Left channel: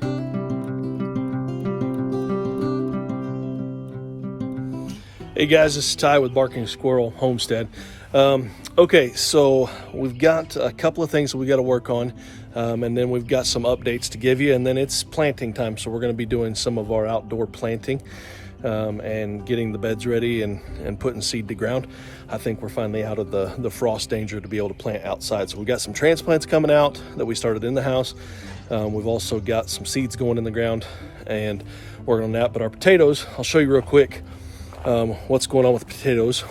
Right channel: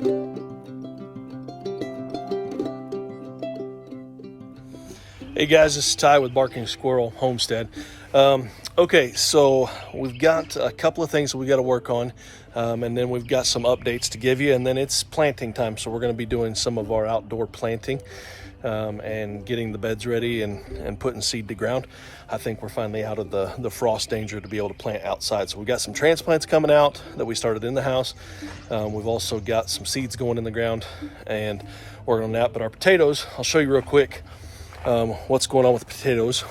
Hey guys, this is Ty with Barking Squirrel Homestead. Okay, so we've got a couple of things that we got to work on, and then we've got some updates to give you, and then it's planting time. So we're going to be doing some of our outdoor planting and getting the beds ready and putting seed to ground. I think we're finally out of the frost danger to be able to plant outside. So we've got some transplants coming out that we started in the house. We've also got some seeds going in the ground and working on that. But our potatoes, I'll show you real quick what's going on with the potatoes.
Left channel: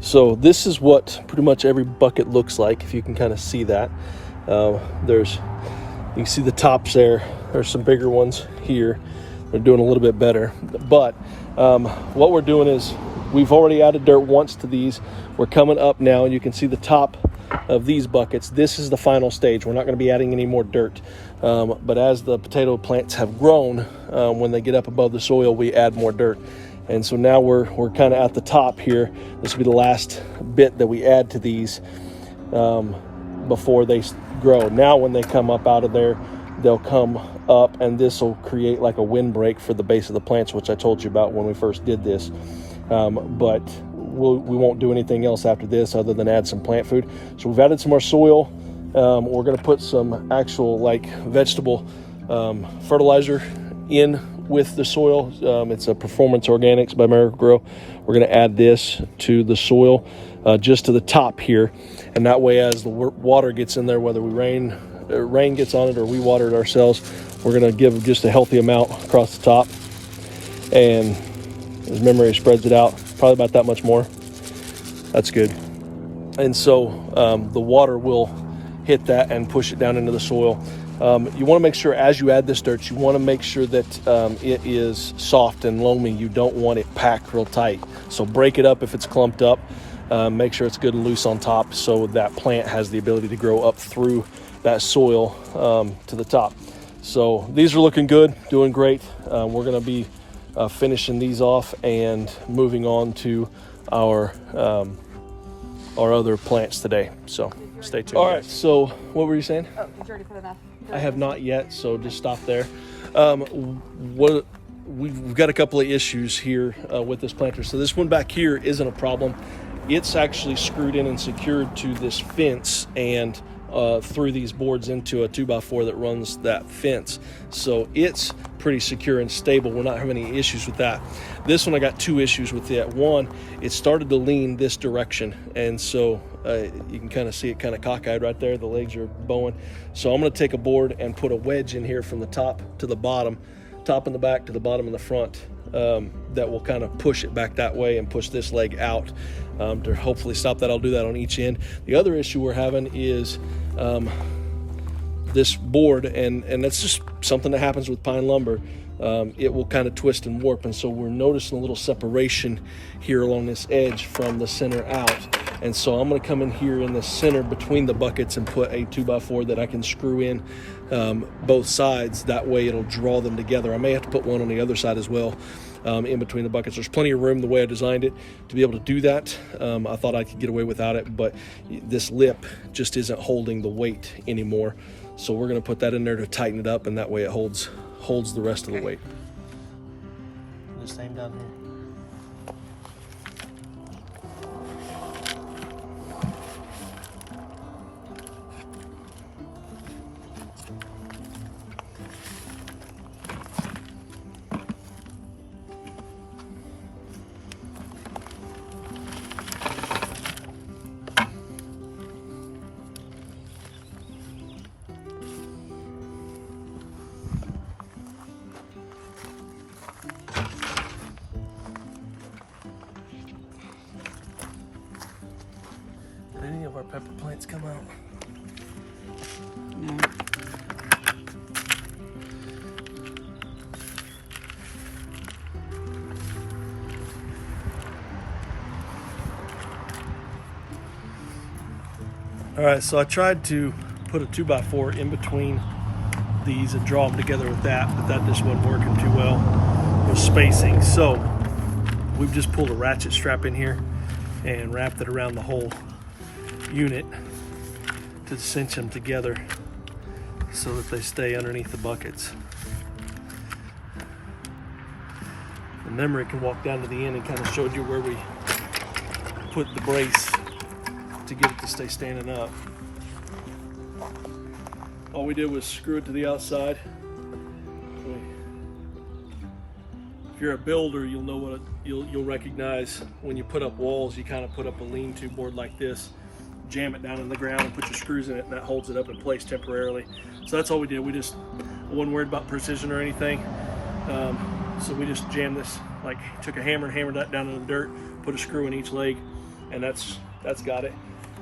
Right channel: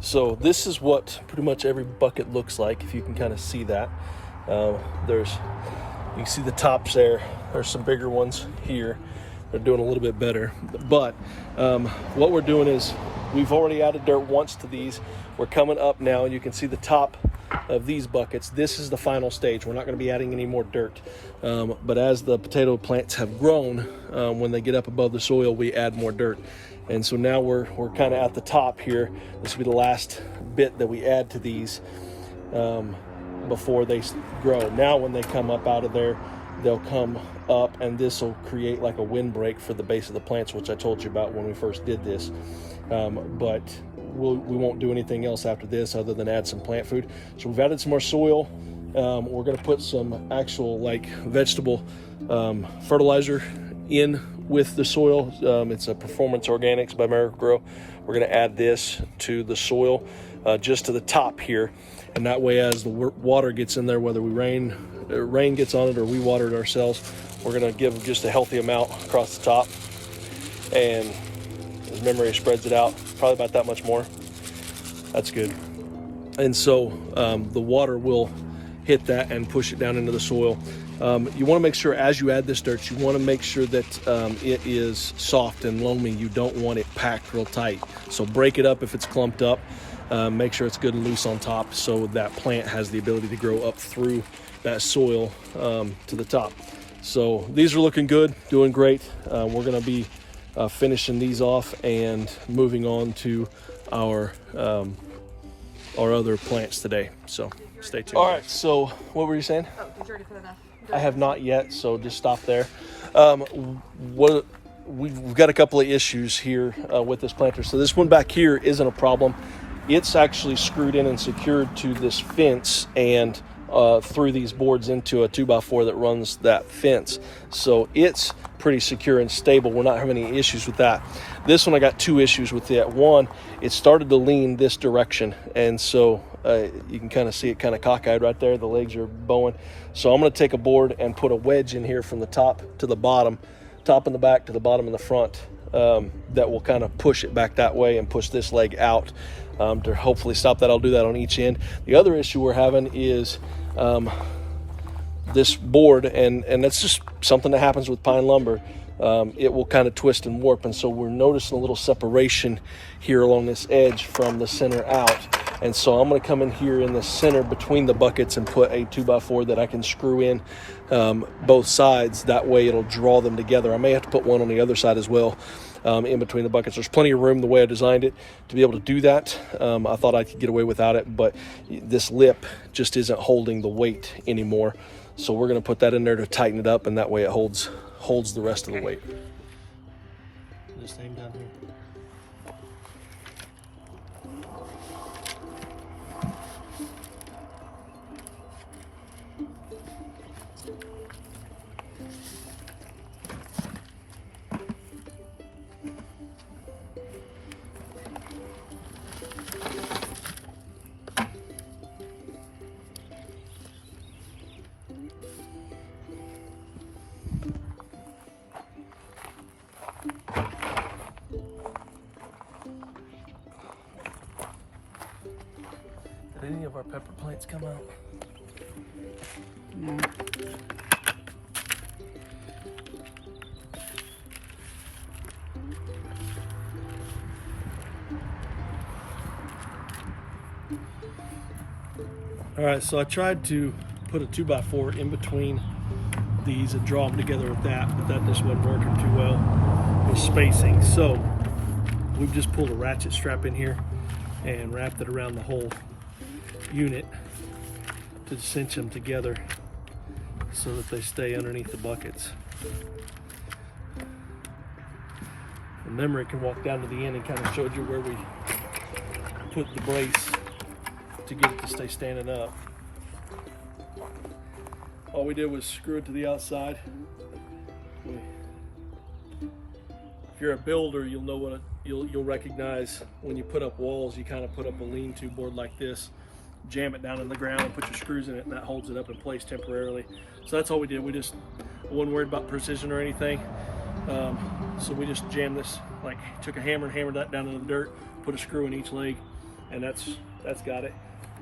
So this is what pretty much every bucket looks like, if you can kind of see that. You can see the tops there. There's some bigger ones here. They're doing a little bit better. But what we're doing is we've already added dirt once to these. We're coming up now, and you can see the top of these buckets. This is the final stage. We're not going to be adding any more dirt. But as the potato plants have grown, when they get up above the soil, we add more dirt. And so now we're kind of at the top here. This will be the last bit that we add to these before they grow. Now when they come up out of there, they'll come up, and this will create like a windbreak for the base of the plants, which I told you about when we first did this. But we won't do anything else after this other than add some plant food. So we've added some more soil. We're going to put some actual like vegetable fertilizer in with the soil. It's a Performance Organics by Miracle-Gro. We're going to add this to the soil just to the top here, and that way as the water gets in there, whether rain gets on it or we water it ourselves, we're going to give just a healthy amount across the top, and as memory spreads it out probably about that much more. That's good. And so the water will hit that and push it down into the soil. You want to make sure as you add this dirt, you want to make sure that it is soft and loamy. You don't want it packed real tight. So break it up if it's clumped up. Make sure it's good and loose on top so that plant has the ability to grow up through that soil to the top. So these are looking good, doing great. We're going to be finishing these off and moving on to our other plants today. So stay tuned. All right, so what were you saying? Did you already put it off? I have not yet, so just stop there. We've got a couple of issues here with this planter. So this one back here isn't a problem. It's actually screwed in and secured to this fence and through these boards into a 2x4 that runs that fence. So it's pretty secure and stable. We're not having any issues with that. This one, I got two issues with it. One, it started to lean this direction, and so you can kind of see it kind of cockeyed right there. The legs are bowing. So I'm going to take a board and put a wedge in here from the top to the bottom, top in the back to the bottom in the front, that will kind of push it back that way and push this leg out to hopefully stop that. I'll do that on each end. The other issue we're having is this board, and that's just something that happens with pine lumber. It will kind of twist and warp, and so we're noticing a little separation here along this edge from the center out. And so I'm going to come in here in the center between the buckets and put a 2x4 that I can screw in both sides. That way it'll draw them together. I may have to put one on the other side as well in between the buckets. There's plenty of room the way I designed it to be able to do that. I thought I could get away without it, but this lip just isn't holding the weight anymore. So we're going to put that in there to tighten it up, and that way it holds the rest of the weight. The same down here. Did any of our pepper plants come out? No. All right, so I tried to put a 2x4 in between these and draw them together with that, but that just wasn't working too well with spacing. So we've just pulled a ratchet strap in here and wrapped it around the whole unit to cinch them together so that they stay underneath the buckets. And then Rick can walk down to the end and kind of showed you where we put the brace to get it to stay standing up. All we did was screw it to the outside. If you're a builder, you'll know what you'll recognize when you put up walls. You kind of put up a lean-to board like this, jam it down in the ground, and put your screws in it, and that holds it up in place temporarily. So that's all we did. We just wasn't worried about precision or anything. So we just jammed this, like took a hammer and hammered that down in the dirt, put a screw in each leg, and that's got it.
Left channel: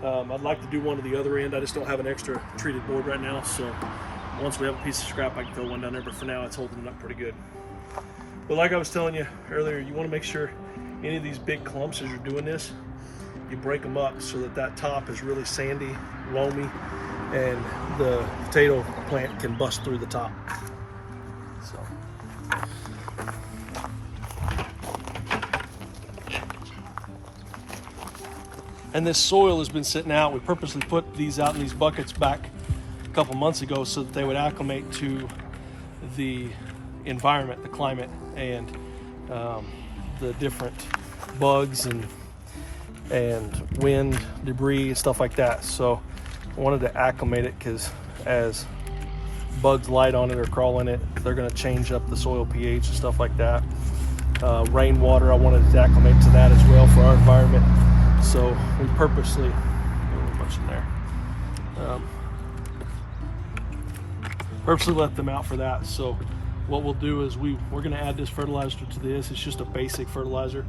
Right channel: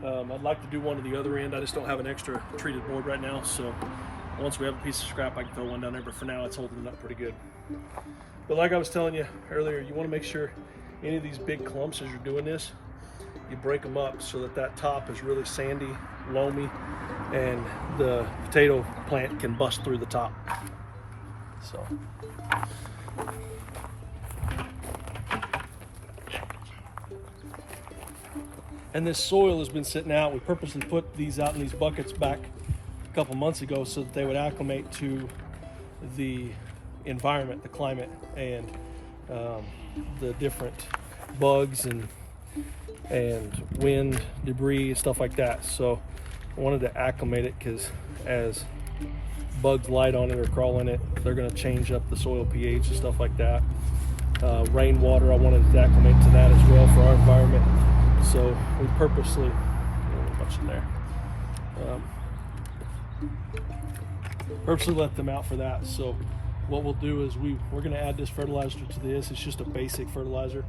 I'd like to do one to the other end. I just don't have an extra treated board right now, so once we have a piece of scrap, I can throw one down there, but for now it's holding it up pretty good. But like I was telling you earlier, you want to make sure any of these big clumps, as you're doing this, you break them up so that that top is really sandy, loamy, and the potato plant can bust through the top. So. And this soil has been sitting out. We purposely put these out in these buckets back a couple months ago so that they would acclimate to the environment, the climate, and the different bugs and wind, debris, stuff like that. So I wanted to acclimate it because as bugs light on it or crawl in it, they're going to change up the soil pH and stuff like that. Rainwater, I wanted to acclimate to that as well for our environment. So we purposely, a little much in there, purposely let them out for that. So what we'll do is we're going to add this fertilizer to this. It's just a basic fertilizer,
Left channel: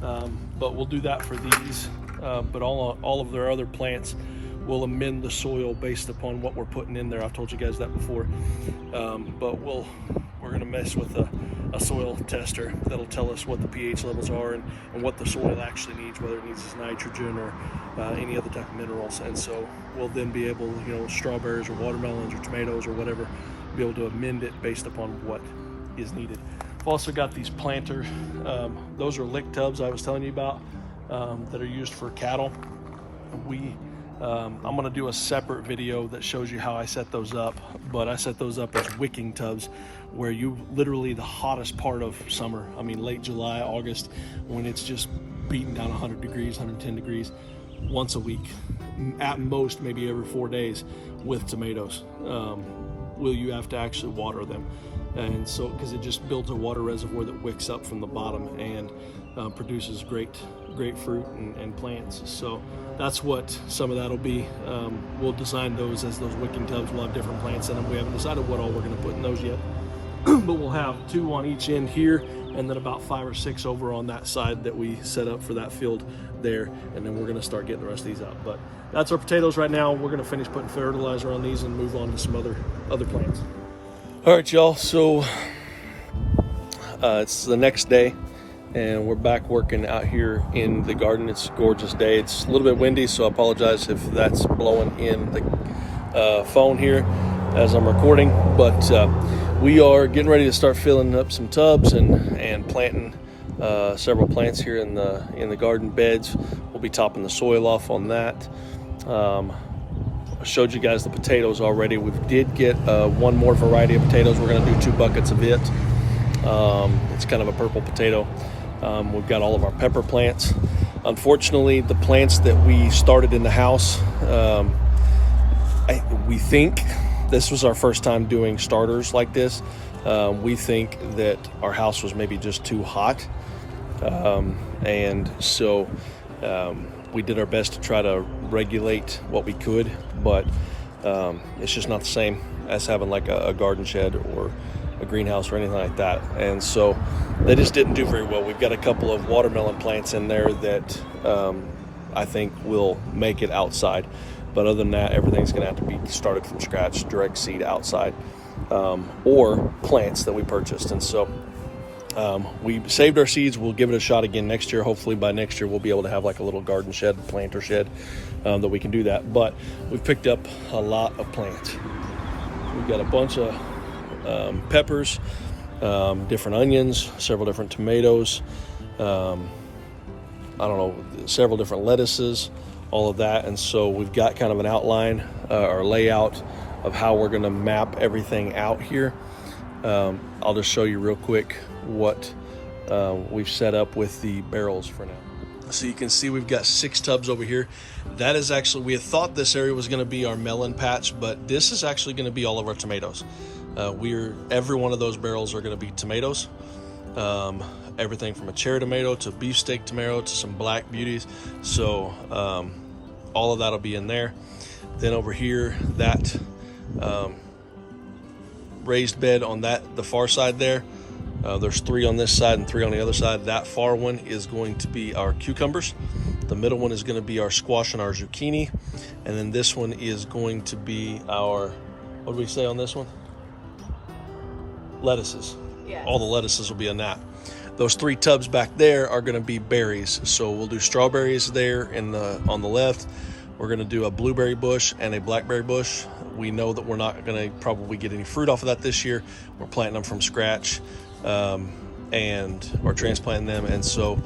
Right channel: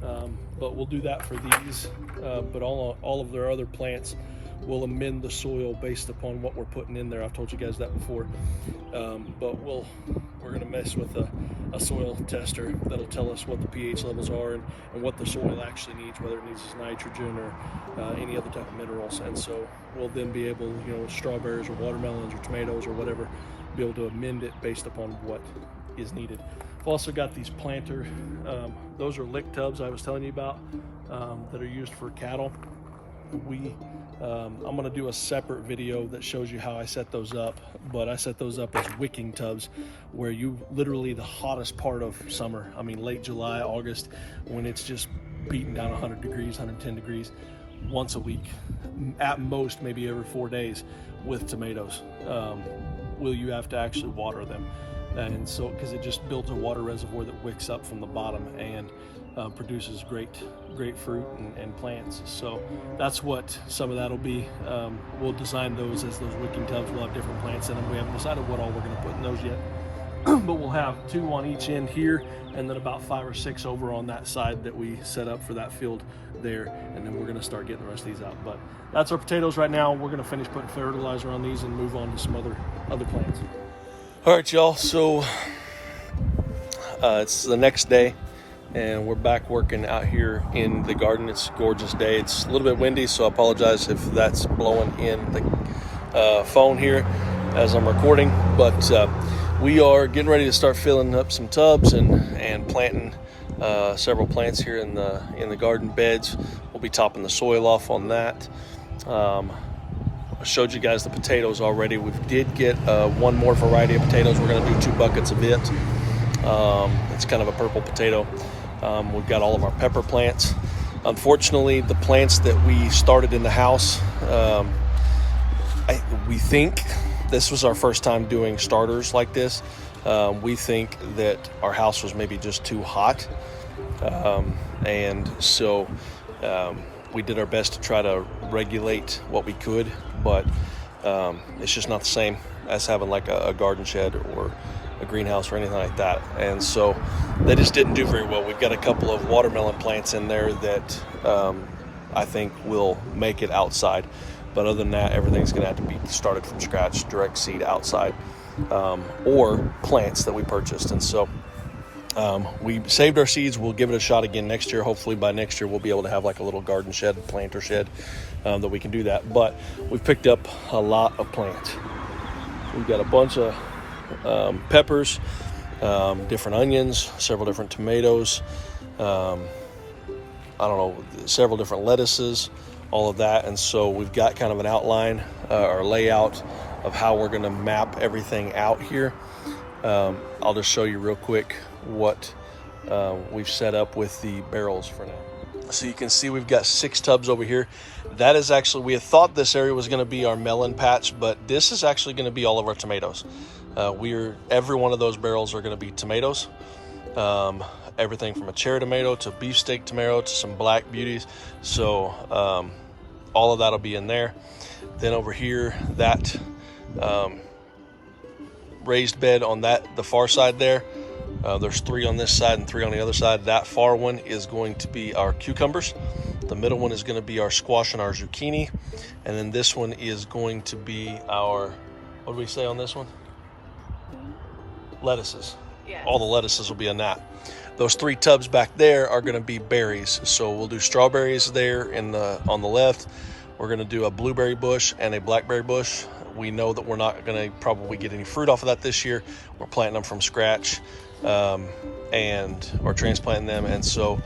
but we'll do that for these. But all of their other plants, we'll amend the soil based upon what we're putting in there. I've told you guys that before. But we're going to mess with a soil tester that'll tell us what the pH levels are and what the soil actually needs, whether it needs nitrogen or any other type of minerals. And so we'll then be able, strawberries or watermelons or tomatoes or whatever, be able to amend it based upon what is needed. I've also got these planters. Those are lick tubs I was telling you about that are used for cattle. I'm going to do a separate video that shows you how I set those up, but I set those up as wicking tubs where you literally the hottest part of summer, I mean late July, August, when it's just beating down 100 degrees, 110 degrees, once a week, at most maybe every 4 days with tomatoes. Will you have to actually water them? And so, because it just builds a water reservoir that wicks up from the bottom and produces great fruit and plants. So that's what some of that'll be. We'll design those as those wicking tubs. We'll have different plants in them. We haven't decided what all we're going to put in those yet, but we'll have 2 on each end here, and then about 5 or 6 over on that side that we set up for that field there, and then we're going to start getting the rest of these out. But that's our potatoes right now. We're going to finish putting fertilizer on these and move on to some other plants. All right, y'all, so it's the next day and we're back working out here in the garden. It's a gorgeous day. It's a little bit windy, so I apologize if that's blowing in the phone here as I'm recording, but we are getting ready to start filling up some tubs and planting several plants here in the garden beds. We'll be topping the soil off on that. I showed you guys the potatoes already. We did get one more variety of potatoes. We're going to do 2 buckets of it. It's kind of a purple potato. We've got all of our pepper plants. Unfortunately, the plants that we started in the house, we think this was our first time doing starters like this. We think that our house was maybe just too hot. And so we did our best to try to regulate what we could, but it's just not the same as having like a garden shed or a greenhouse or anything like that. And so they just didn't do very well. We've got a couple of watermelon plants in there that I think will make it outside. But other than that, everything's going to have to be started from scratch, direct seed outside, or plants that we purchased. And so we saved our seeds. We'll give it a shot again next year. Hopefully by next year, we'll be able to have like a little garden shed, planter shed, that we can do that. But we've picked up a lot of plants. We've got a bunch of peppers, different onions, several different tomatoes, several different lettuces, all of that. And so we've got kind of an outline or layout of how we're gonna map everything out here. I'll just show you real quick what we've set up with the barrels for now. So you can see we've got 6 tubs over here. That is actually, we had thought this area was gonna be our melon patch, but this is actually gonna be all of our tomatoes. Every one of those barrels are gonna be tomatoes. Everything from a cherry tomato to beefsteak tomato to some black beauties. So all of that'll be in there. Then over here, that raised bed on the far side there, there's 3 on this side and 3 on the other side. That far one is going to be our cucumbers. The middle one is going to be our squash and our zucchini. And then this one is going to be our, what do we say on this one? Lettuces. Yeah. All the lettuces will be in that. Those 3 tubs back there are going to be berries. So we'll do strawberries there on the left. We're going to do a blueberry bush and a blackberry bush. We know that we're not going to probably get any fruit off of that this year. We're planting them from scratch or transplanting them. And so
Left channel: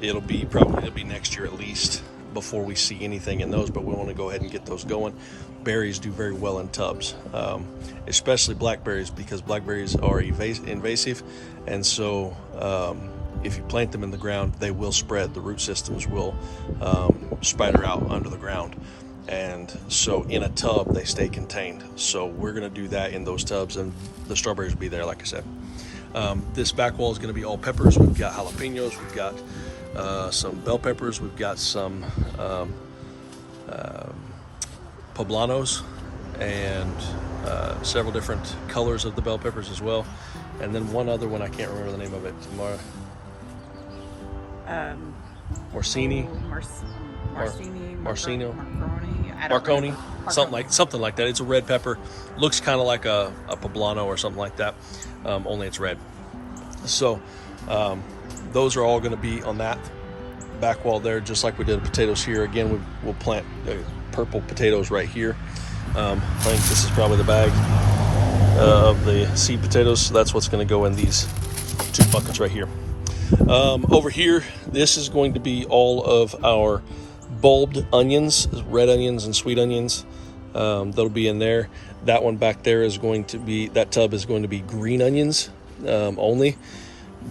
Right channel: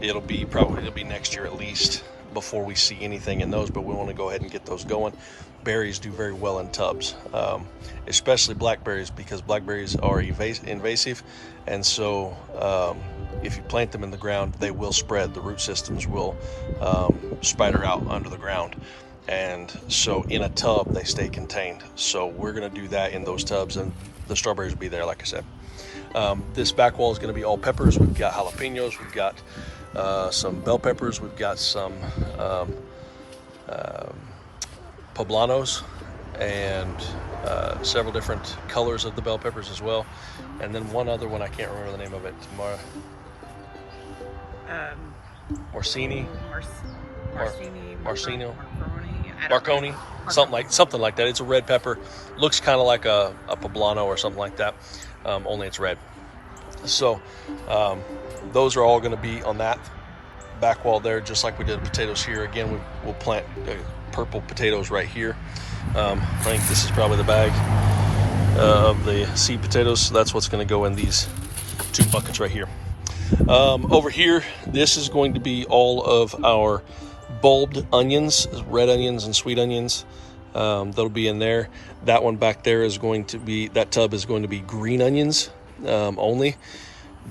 it'll be next year at least before we see anything in those, but we want to go ahead and get those going. Berries do very well in tubs, especially blackberries, because blackberries are invasive. And so if you plant them in the ground, they will spread. The root systems will spider out under the ground. And so in a tub, they stay contained. So we're going to do that in those tubs, and the strawberries will be there, like I said. This back wall is going to be all peppers. We've got jalapenos. We've got some bell peppers. We've got some poblanos and several different colors of the bell peppers as well. And then one other one, I can't remember the name of it. Marconi, something like that. It's a red pepper. Looks kind of like a poblano or something like that, only it's red. So those are all going to be on that back wall there, just like we did potatoes here. Again, we'll plant purple potatoes right here. I think this is probably the bag of the seed potatoes. So that's what's going to go in these 2 buckets right here. Over here, this is going to be all of our bulbed onions, red onions and sweet onions. That'll be in there. That one back there is going to be, that tub is going to be green onions only.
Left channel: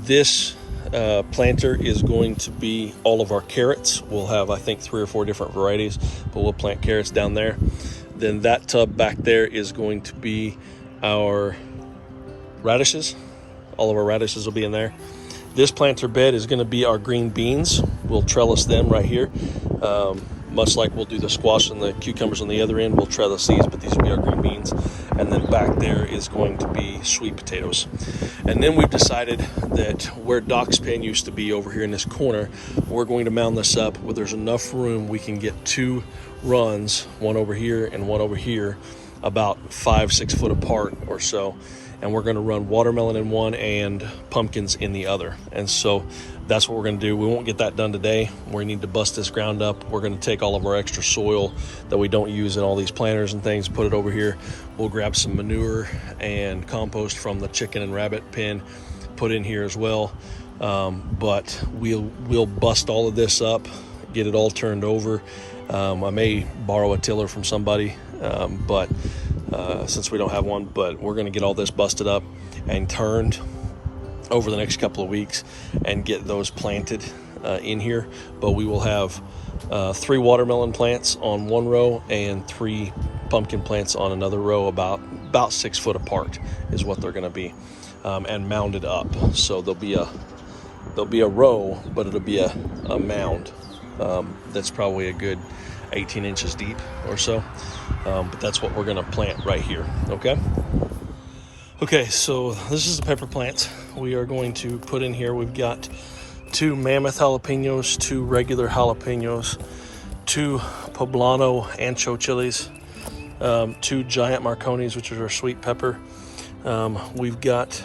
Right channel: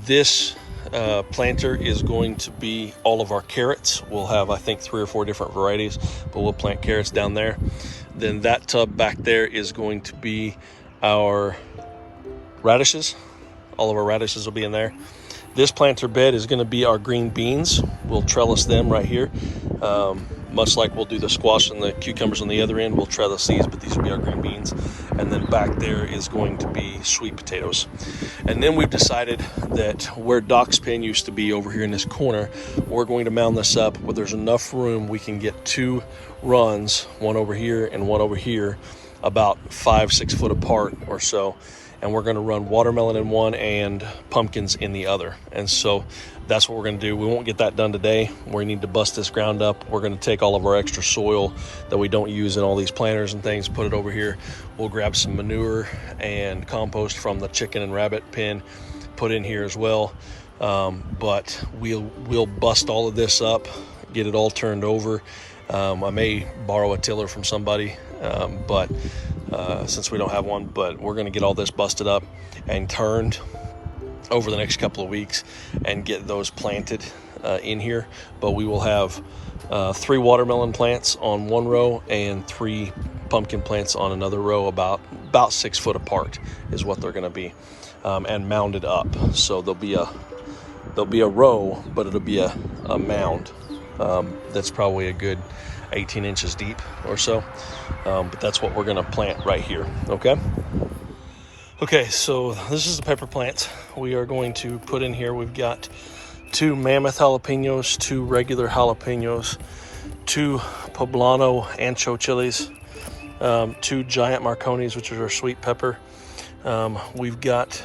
This planter is going to be all of our carrots. We'll have, I think, 3 or 4 different varieties, but we'll plant carrots down there. Then that tub back there is going to be our radishes. All of our radishes will be in there. This planter bed is going to be our green beans. We'll trellis them right here. Much like we'll do the squash and the cucumbers on the other end, we'll trellis these, but these will be our green beans. And then back there is going to be sweet potatoes. And then we've decided that where Doc's pen used to be over here in this corner, we're going to mound this up where there's enough room we can get 2 runs, one over here and one over here, about 5-6 foot apart or so. And we're going to run watermelon in one and pumpkins in the other. And so that's what we're going to do. We won't get that done today. We need to bust this ground up. We're going to take all of our extra soil that we don't use in all these planters and things, put it over here. We'll grab some manure and compost from the chicken and rabbit pen, put in here as well. But we'll bust all of this up, get it all turned over. I may borrow a tiller from somebody, since we don't have one, but we're going to get all this busted up and turned over the next couple of weeks and get those planted in here. But we will have 3 watermelon plants on one row and 3 pumpkin plants on another row, about 6 foot apart is what they're going to be, and mounded up. So there'll be a row, but it'll be a mound that's probably a good 18 inches deep or so. But that's what we're going to plant right here. Okay, so this is the pepper plant we are going to put in here. We've got 2 mammoth jalapenos, 2 regular jalapenos, 2 poblano ancho chilies, 2 giant marconis, which is our sweet pepper. We've got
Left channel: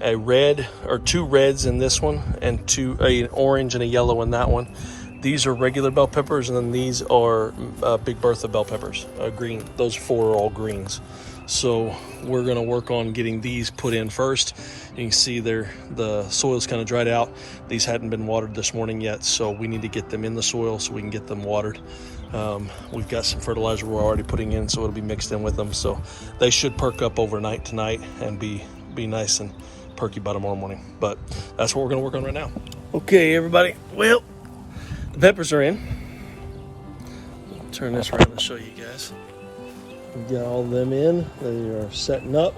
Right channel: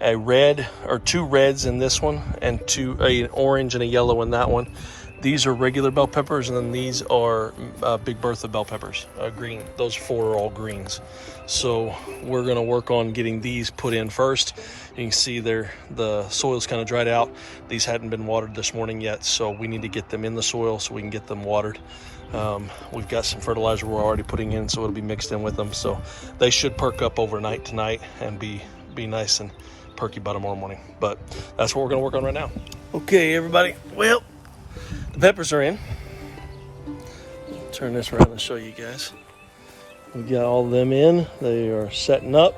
a red, or 2 reds in this one, and an orange and a yellow in that one. These are regular bell peppers, and then these are Big Bertha bell peppers, green. Those 4 are all greens. So we're gonna work on getting these put in first. You can see the soil's kind of dried out. These hadn't been watered this morning yet, so we need to get them in the soil so we can get them watered. We've got some fertilizer we're already putting in, so it'll be mixed in with them. So they should perk up overnight tonight and be nice and perky by tomorrow morning. But that's what we're gonna work on right now. Okay, everybody, well, the peppers are in. Turn this around and show you guys. We got all of them in. They are setting up.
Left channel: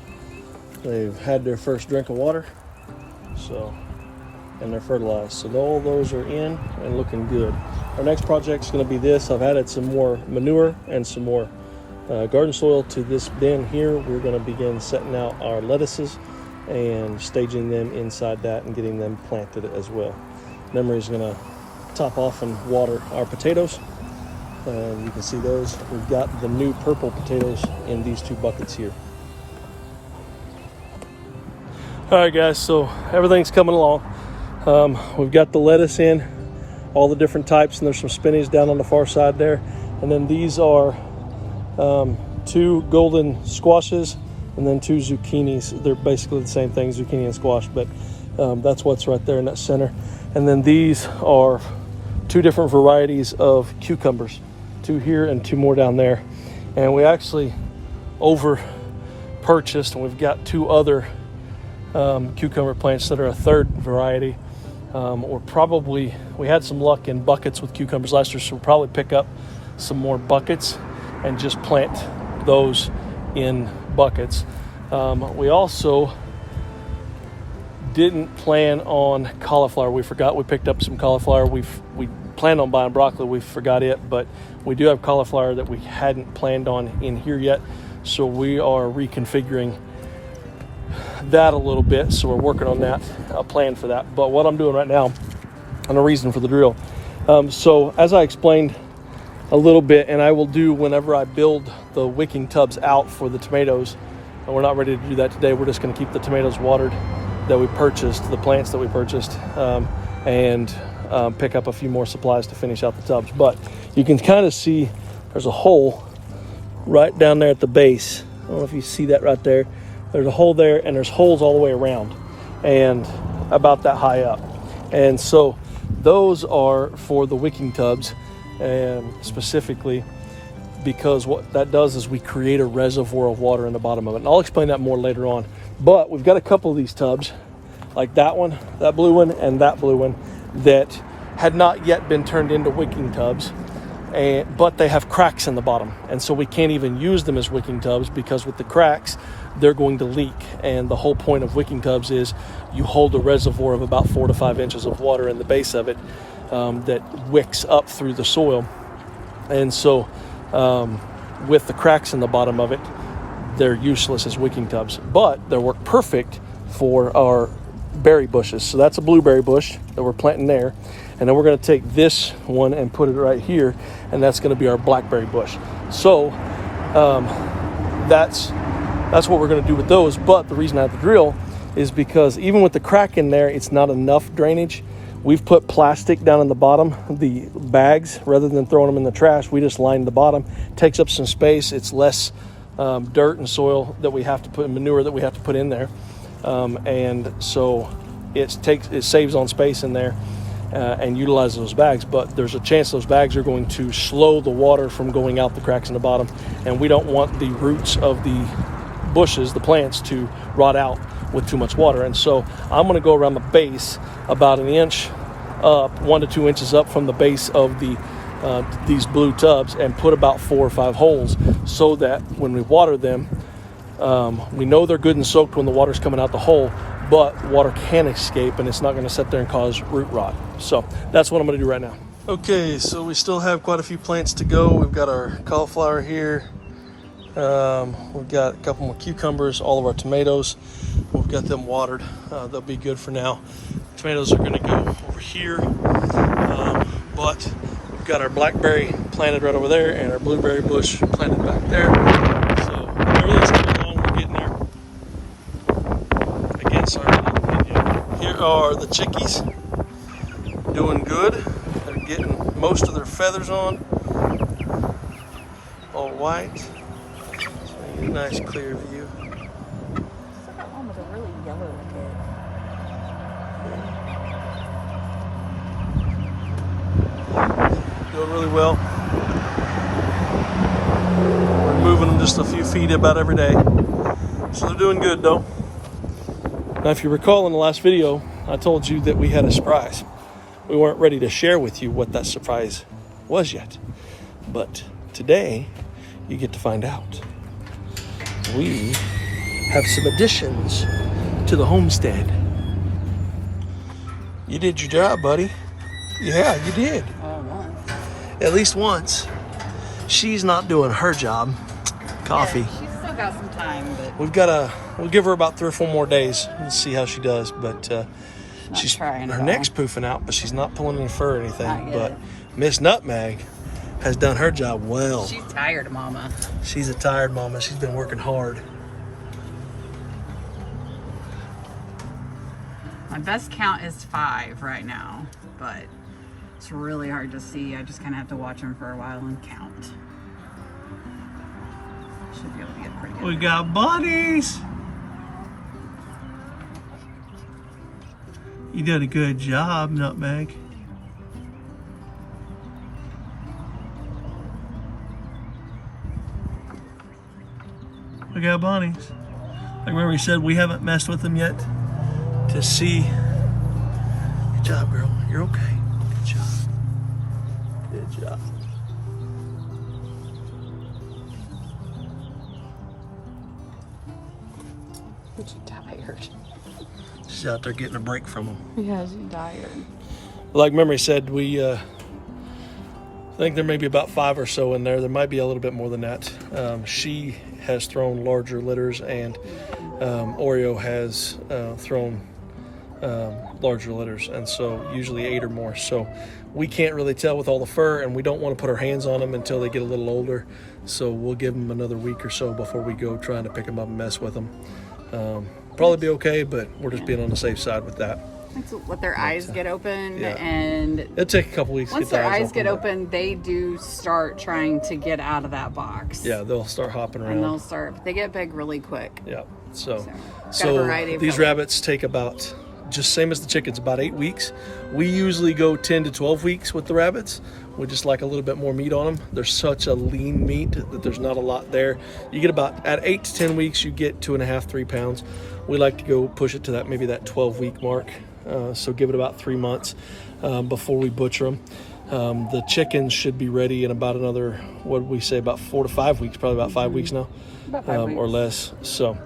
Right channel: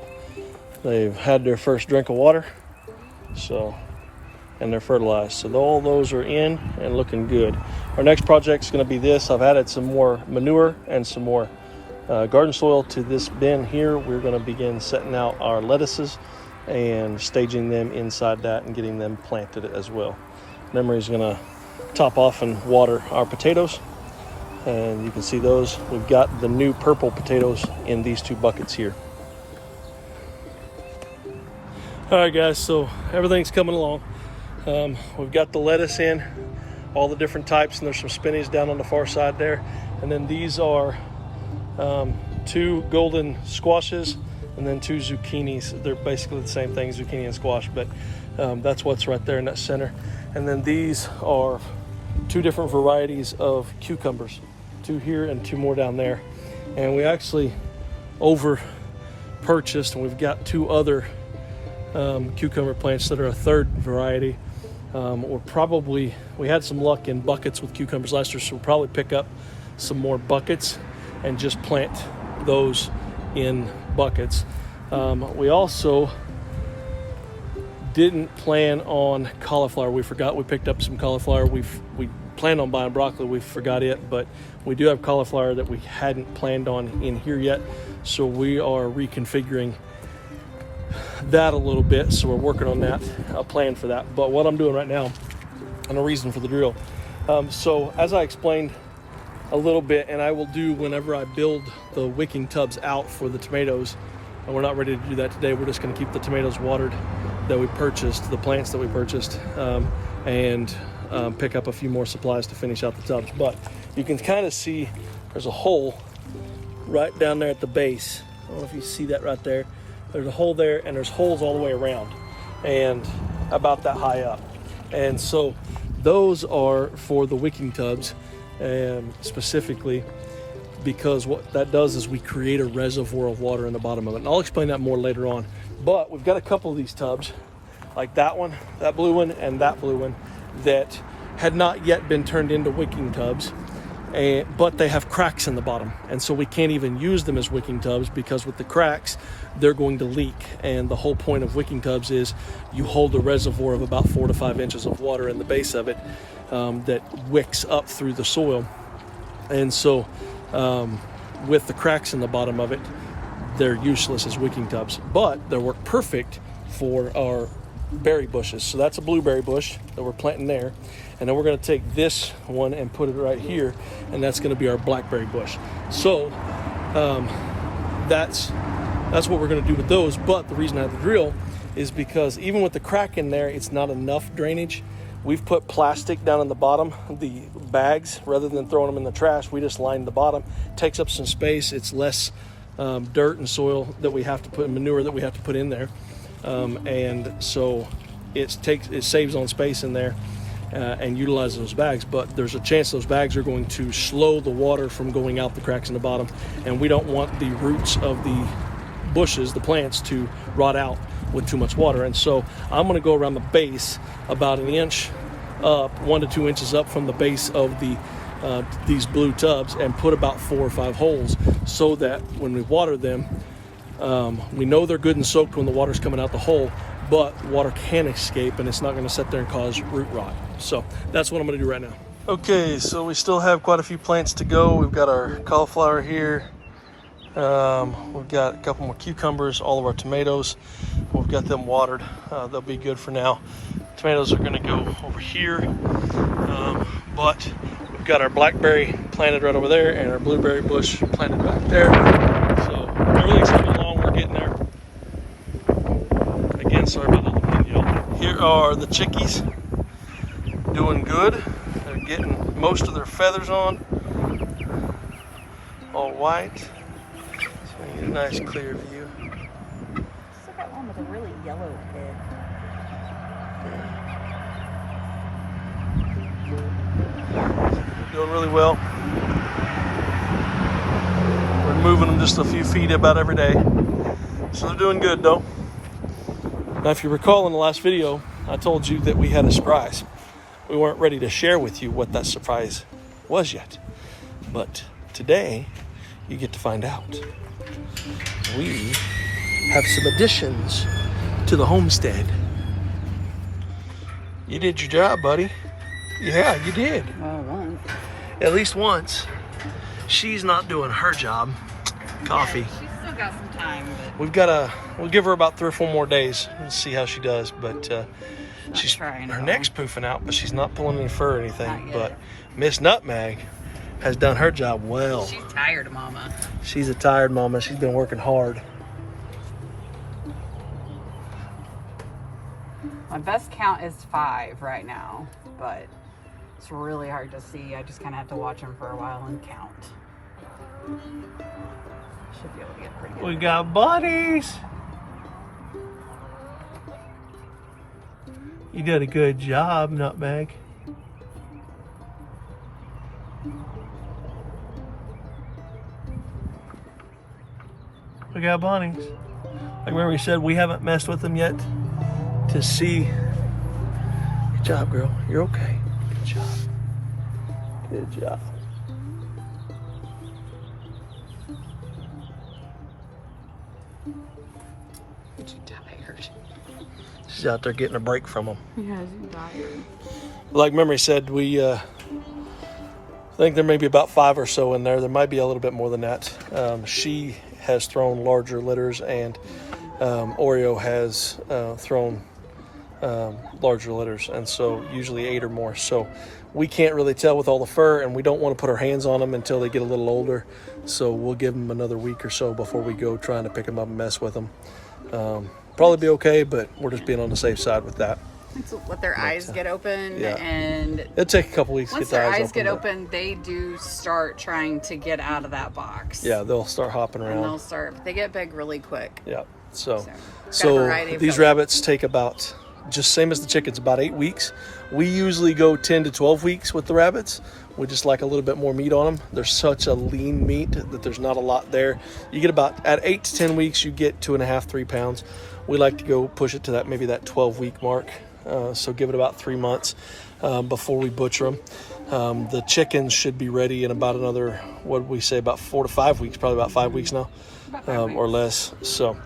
They've had their first drink of water, so, and they're fertilized. So all those are in and looking good. Our next project is going to be this. I've added some more manure and some more garden soil to this bin here. We're going to begin setting out our lettuces and staging them inside that and getting them planted as well. Memory is going to top off and water our potatoes. And you can see those. We've got the new purple potatoes in these 2 buckets here. All right, guys, so everything's coming along. We've got the lettuce in, all the different types, and there's some spinach down on the far side there. And then these are 2 golden squashes and then 2 zucchinis. They're basically the same thing, zucchini and squash, but that's what's right there in that center. And then these are 2 different varieties of cucumbers, 2 here and 2 more down there. And we actually over purchased, and we've got 2 other cucumber plants that are a 3rd variety. We had some luck in buckets with cucumbers last year, so we'll probably pick up some more buckets and just plant those in buckets. We also didn't plan on cauliflower. We forgot we picked up some cauliflower. We planned on buying broccoli. We forgot it, but we do have cauliflower that we hadn't planned on in here yet. So we are reconfiguring that a little bit. So we're working on that, a plan for that. But what I'm doing right now, and the reason for the drill. So as I explained a little bit, and I will do whenever I build the wicking tubs out for the tomatoes, and we're not ready to do that today. We're just going to keep the tomatoes watered that we purchased, the plants that we purchased, and pick up a few more supplies to finish out the tubs. But you can kind of see there's a hole right down there at the base. I don't know if you see that right there. There's a hole there, and there's holes all the way around and about that high up. And so those are for the wicking tubs, and specifically because what that does is we create a reservoir of water in the bottom of it. And I'll explain that more later on. But we've got a couple of these tubs, like that one, that blue one, and that blue one, that had not yet been turned into wicking tubs, but they have cracks in the bottom. And so we can't even use them as wicking tubs because with the cracks, they're going to leak. And the whole point of wicking tubs is you hold a reservoir of about 4 to 5 inches of water in the base of it that wicks up through the soil. And so with the cracks in the bottom of it, they're useless as wicking tubs, but they work perfect for our berry bushes. So that's a blueberry bush that we're planting there. And then we're going to take this one and put it right here, and that's going to be our blackberry bush. So that's what we're going to do with those. But the reason I have the drill is because even with the crack in there, it's not enough drainage. We've put plastic down in the bottom, the bags, rather than throwing them in the trash. We just lined the bottom. Takes up some space. It's less dirt and soil that we have to put, manure that we have to put in there. And so it saves on space in there and utilizes those bags. But there's a chance those bags are going to slow the water from going out the cracks in the bottom. And we don't want the roots of the bushes, the plants, to rot out with too much water. And so I'm going to go around the base about 1 inch up, 1 to 2 inches up from the base of these blue tubs, and put about 4 or 5 holes so that when we water them, we know they're good and soaked when the water's coming out the hole, but water can escape and it's not going to sit there and cause root rot. So that's what I'm going to do right now. Okay, so we still have quite a few plants to go. We've got our cauliflower here. We've got a couple more cucumbers, all of our tomatoes. We've got them watered. They'll be good for now. Tomatoes are going to go over here, but we've got our blackberry planted right over there and our blueberry bush planted back there. So everything's coming along. We're getting there. Again, sorry for the video. Here are the chickies, doing good. They're getting most of their feathers on, all white. A nice clear view. That one was a really yellow head. Doing really well. moving them just a few feet about every day. So they're doing good though. Now, if you recall in the last video, I told you that we had a surprise. We weren't ready to share with you what that surprise was yet. But today, you get to find out. We have some additions to the homestead. You did your job, buddy. Yeah, you did. Once. At least once. She's not doing her job. Coffee. Yeah, she's still got some time, but We'll give her about 3 or 4 more days and see how she does. But she's her neck's poofing out, but she's not pulling any fur or anything. But Miss Nutmeg has done her job well. she's tired, Mama. She's a tired mama. She's been working hard. My best count is 5 right now, but it's really hard to see. I just kind of have to watch them for a while and count. Should be able to get pretty good. We got bunnies. You did a good job, Nutmeg. We got bunnies. Like remember we said we haven't messed with them yet to see. Good job, girl. You're okay. Good job. Good job. She's tired. She's out there getting a break from them. Yeah, she's tired. Like Memory said, I think there may be about 5 or so in there. There might be a little bit more than that. She has thrown larger litters, and Oreo has thrown larger litters, and so usually 8 or more. So we can't really tell with all the fur, and we don't want to put our hands on them until they get a little older. So we'll give them another week or so before we go trying to pick them up and mess with them. Probably be okay, but we're just being on the safe side with that. Once let their eyes get open, yeah. And it'll take a couple weeks to once get their the eyes get but open, they do start trying to get out of that box. yeah, they'll start hopping And around. they get big really quick. Yeah. So got a variety of these colors. rabbits take about, just same as the chickens, about 8 weeks. We usually go 10 to 12 weeks with the rabbits. We just like a little bit more meat on them. They're such a lean meat that there's not a lot there. You get about, at 8 to 10 weeks, you get 2.5, 3 pounds. We like to go push it to that, maybe that 12-week mark. So give it about 3 months before we butcher them. The chickens should be ready in about another, what did we say, about 4 to 5 weeks, probably about 5 weeks now, About 5 weeks. or less. So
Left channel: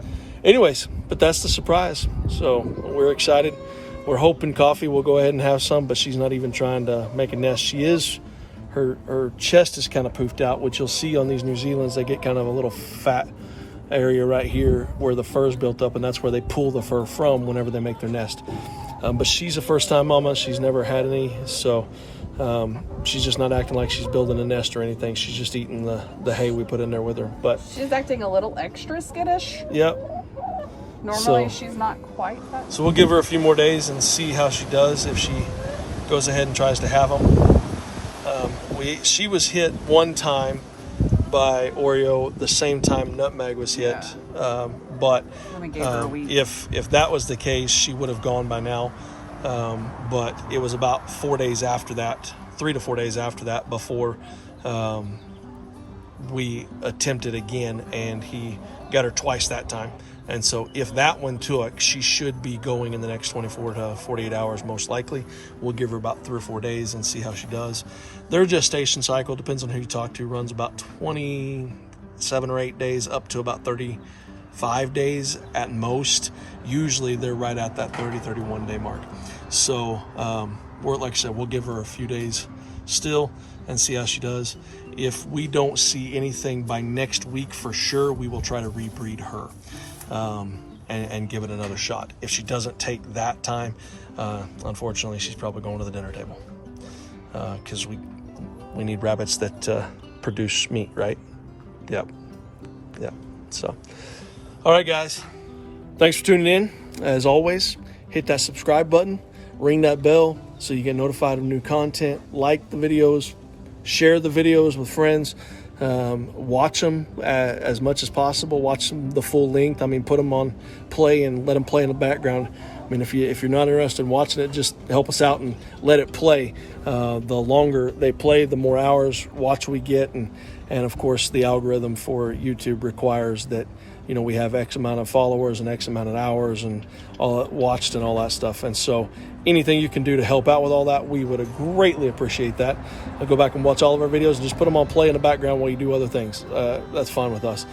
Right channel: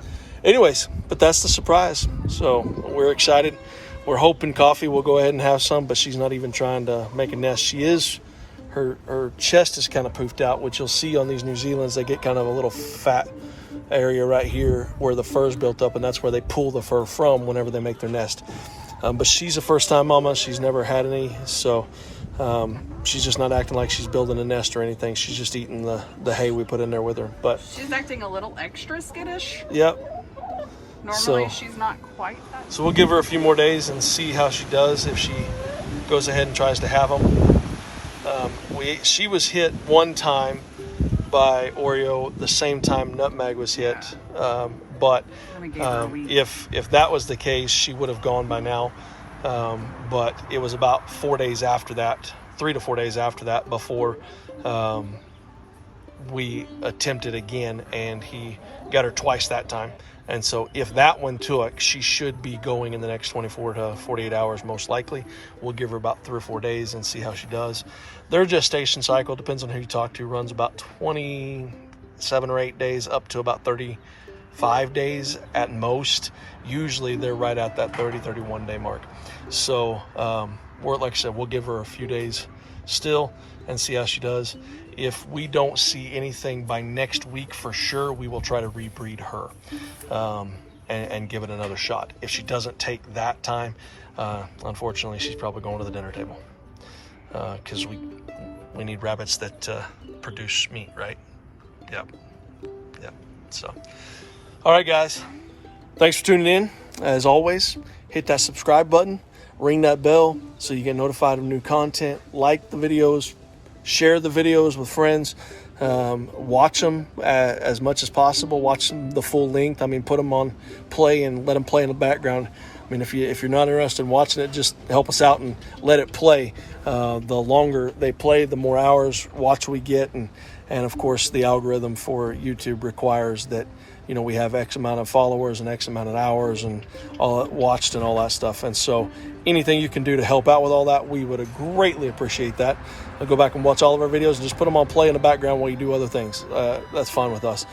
anyways, but that's the surprise. So we're excited. We're hoping Coffee will go ahead and have some, but she's not even trying to make a nest. She is, her chest is kind of poofed out, which you'll see on these New Zealands. They get kind of a little fat area right here where the fur is built up, and that's where they pull the fur from whenever they make their nest. But she's a first-time mama. She's never had any, so she's just not acting like she's building a nest or anything. She's just eating the hay we put in there with her. But She's acting a little extra skittish. yep. Normally, she's not quite that. So we'll give her a few more days and see how she does if she goes ahead and tries to have them. She was hit one time by Oreo the same time Nutmeg was hit. But if that was the case, she would have gone by now. But it was about 4 days after that, 3 to 4 days after that, before we attempted again, and he got her twice that time. And so if that one took, she should be going in the next 24 to 48 hours, most likely. We'll give her about 3 or 4 days and see how she does. Their gestation cycle, depends on who you talk to, runs about 27 or 8 days up to about 35 days at most. Usually they're right at that 30, 31 day mark. So we're, like I said, we'll give her a few days still and see how she does. If we don't see anything by next week for sure, we will try to rebreed her and give it another shot. If she doesn't take that time, unfortunately, she's probably going to the dinner table because we need rabbits that produce meat, right? Yep. So, all right, guys. Thanks for tuning in. As always, hit that subscribe button, ring that bell so you get notified of new content. Like the videos, share the videos with friends. Watch them as much as possible. Watch them the full length. I mean, put them on play and let them play in the background. I mean, if you're not interested in watching it, just help us out and let it play. The longer they play, the more hours watch we get, and And of course, the algorithm for YouTube requires that, you know, we have X amount of followers and X amount of hours and all watched and all that stuff. And so anything you can do to help out with all that, we would greatly appreciate that. Go back and watch all of our videos and just put them on play in the background while you do other things. That's fine with us.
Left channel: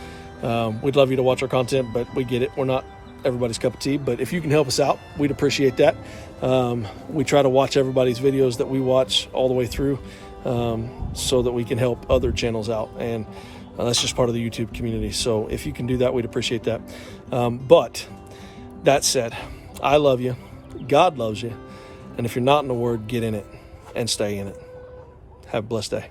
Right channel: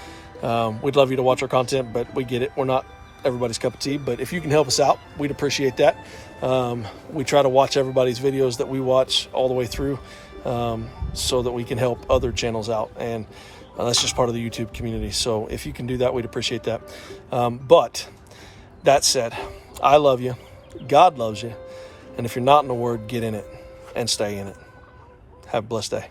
We'd love you to watch our content, but we get it. We're not everybody's cup of tea, but if you can help us out, we'd appreciate that. We try to watch everybody's videos that we watch all the way through, so that we can help other channels out. And that's just part of the YouTube community. So if you can do that, we'd appreciate that. But that said, I love you. God loves you. And if you're not in the Word, get in it and stay in it. Have a blessed day.